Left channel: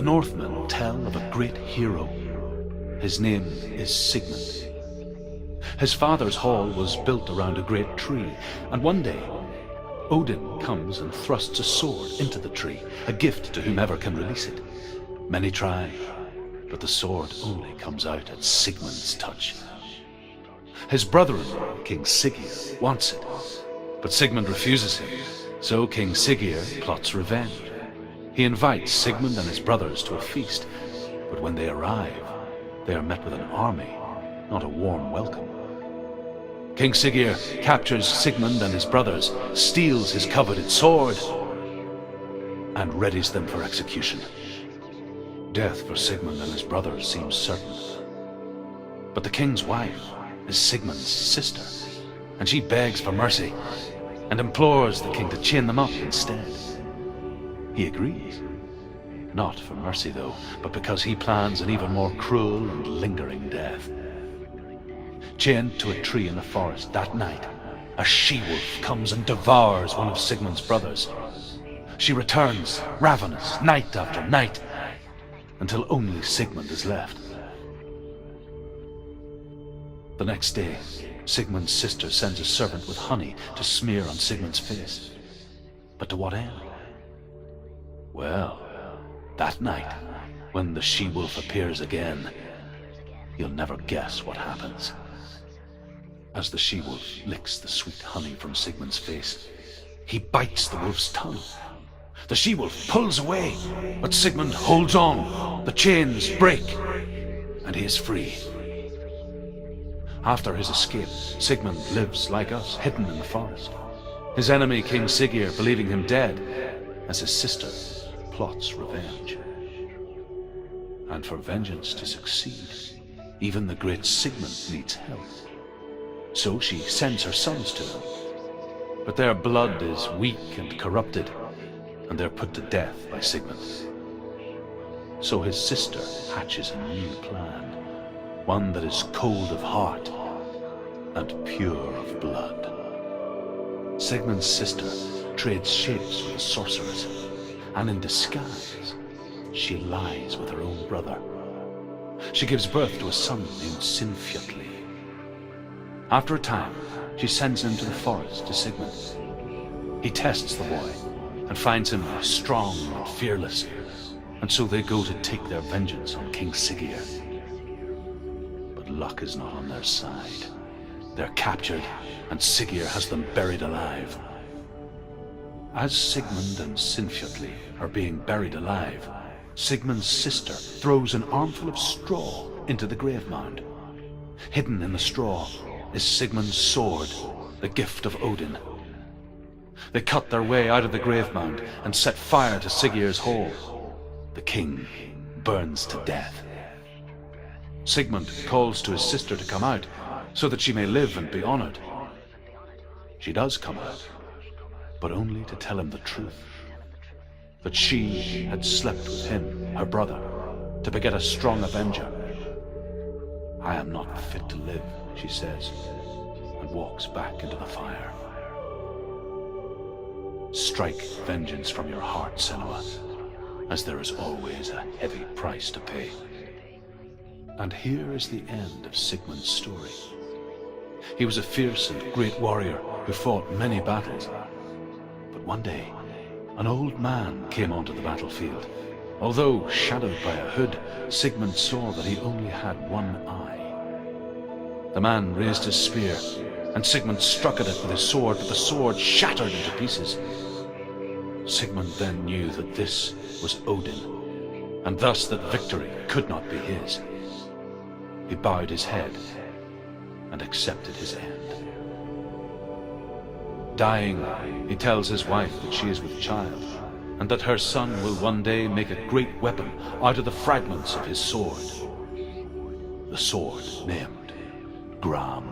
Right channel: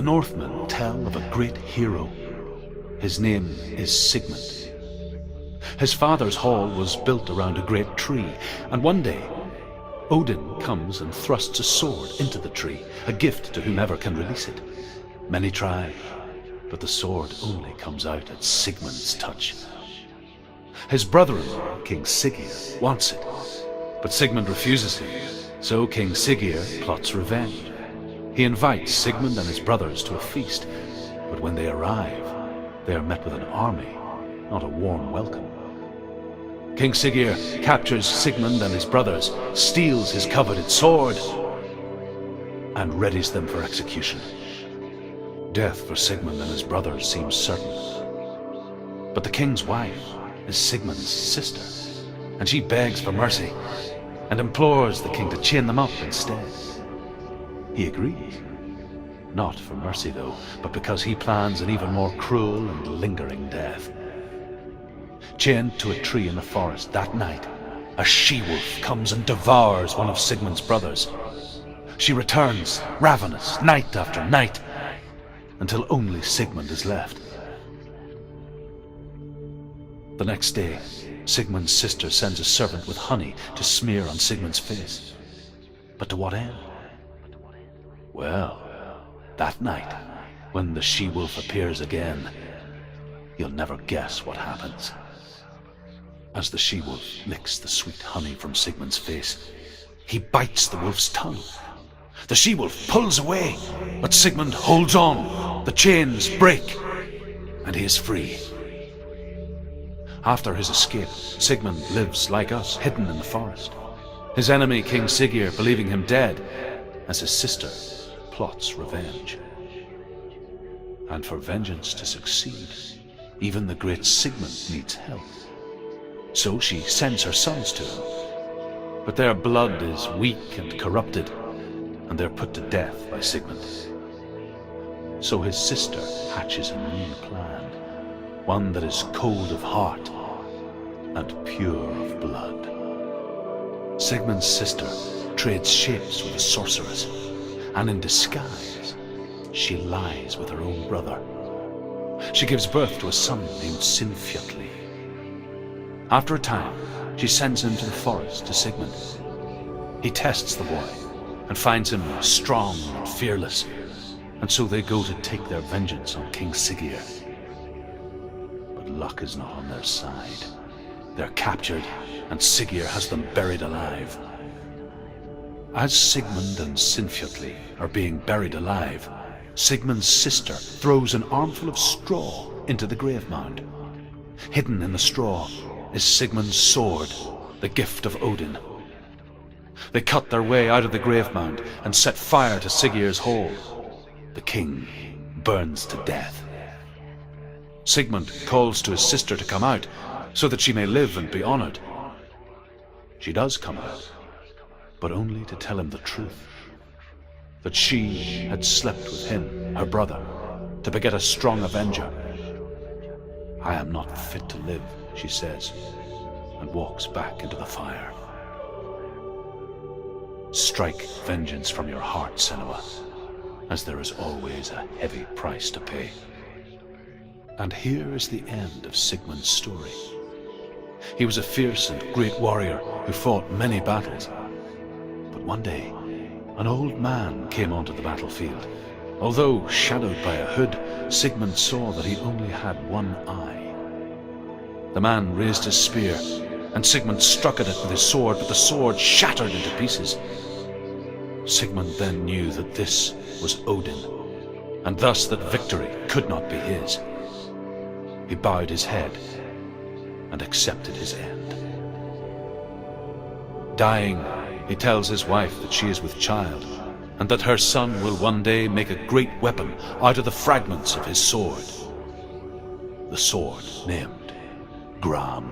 The Northmen tell of a great hero. His name is Sigmund. His father's hall was built around a great tree, and one day Odin comes and thrusts a sword into the tree, a gift to whomever can release it. Many try, but the sword only comes out at Sigmund's touch. His brother-in-law, King Siggeir, wants it, but Sigmund refuses him, so King Siggeir plots revenge. He invites Sigmund and his brothers to a feast, but when they arrive, they are met with an army, not a warm welcome. King Siggeir captures Sigmund and his brothers, steals his coveted sword, and readies them for execution. Death for Sigmund and his brothers seems certain. But the king's wife is Sigmund's sister, and she begs for mercy and implores the king to chain them up instead. He agrees. Not for mercy, though, but because he plans an even more cruel and lingering death. Chained to a tree in the forest that night, a she-wolf comes and devours one of Sigmund's brothers. She returns, ravenous, night after night, until only Sigmund is left. The next day, Sigmund's sister sends a servant with honey to smear on Sigmund's face. But to what end? Well, that night, when the she-wolf appears again, you'll never guess what happens. As the she-wolf licks the sweet honey from Sigmund's face, he bites the wolf's tongue. The she-wolf pulls away, but Sigmund holds on. The chains break, and he is free. After his escape, Sigmund lives like us, hidden in the forest. His enemy, King Siggeir, believing him dead, as his sister plots revenge. And for vengeance to succeed, even the great Sigmund needs help. So she sends her sons to him. But their blood is weak and corrupted, and they're put to death by Sigmund. So his sister hatches a new plan, one that is cold of heart and pure of blood. Sigmund's sister trades shapes with a sorceress, and in disguise, she lies with her own brother. She gives birth to a son named Sinfjotli. After a time, she sends him to the forest to Sigmund. He tests the boy and finds him strong and fearless, and so they go to take their vengeance on King Siggeir. But luck is not on their side. They're captured, and Siggeir has them buried alive. As Sigmund and Sinfjotli are being buried alive, Sigmund's sister throws an armful of straw into the grave mound. Hidden in the straw is Sigmund's sword, the gift of Odin. They cut their way out of the grave mound and set fire to Siggeir's hall. The king burns to death. Sigmund calls to his sister to come out so that she may live and be honored. She does come out, but only to tell him the truth. That she had slept with him, her brother, to beget a strong avenger. I am not fit to live, she says, and walks back into the fire. Strike vengeance from your heart, Senua, as there is always a heavy price to pay. And here is the end of Sigmund's story. He was a fierce and great warrior who fought many battles. But one day, an old man came onto the battlefield. Although shadowed by a hood, Sigmund saw that he only had one eye. The man raised his spear, and Sigmund struck at it with his sword, but the sword shattered into pieces. Sigmund then knew that this was Odin, and thus that victory could not be his. He bowed his head and accepted his end. Dying, he tells his wife that she is with child, and that her son will one day make a great weapon out of the fragments of his sword. The sword named Gram.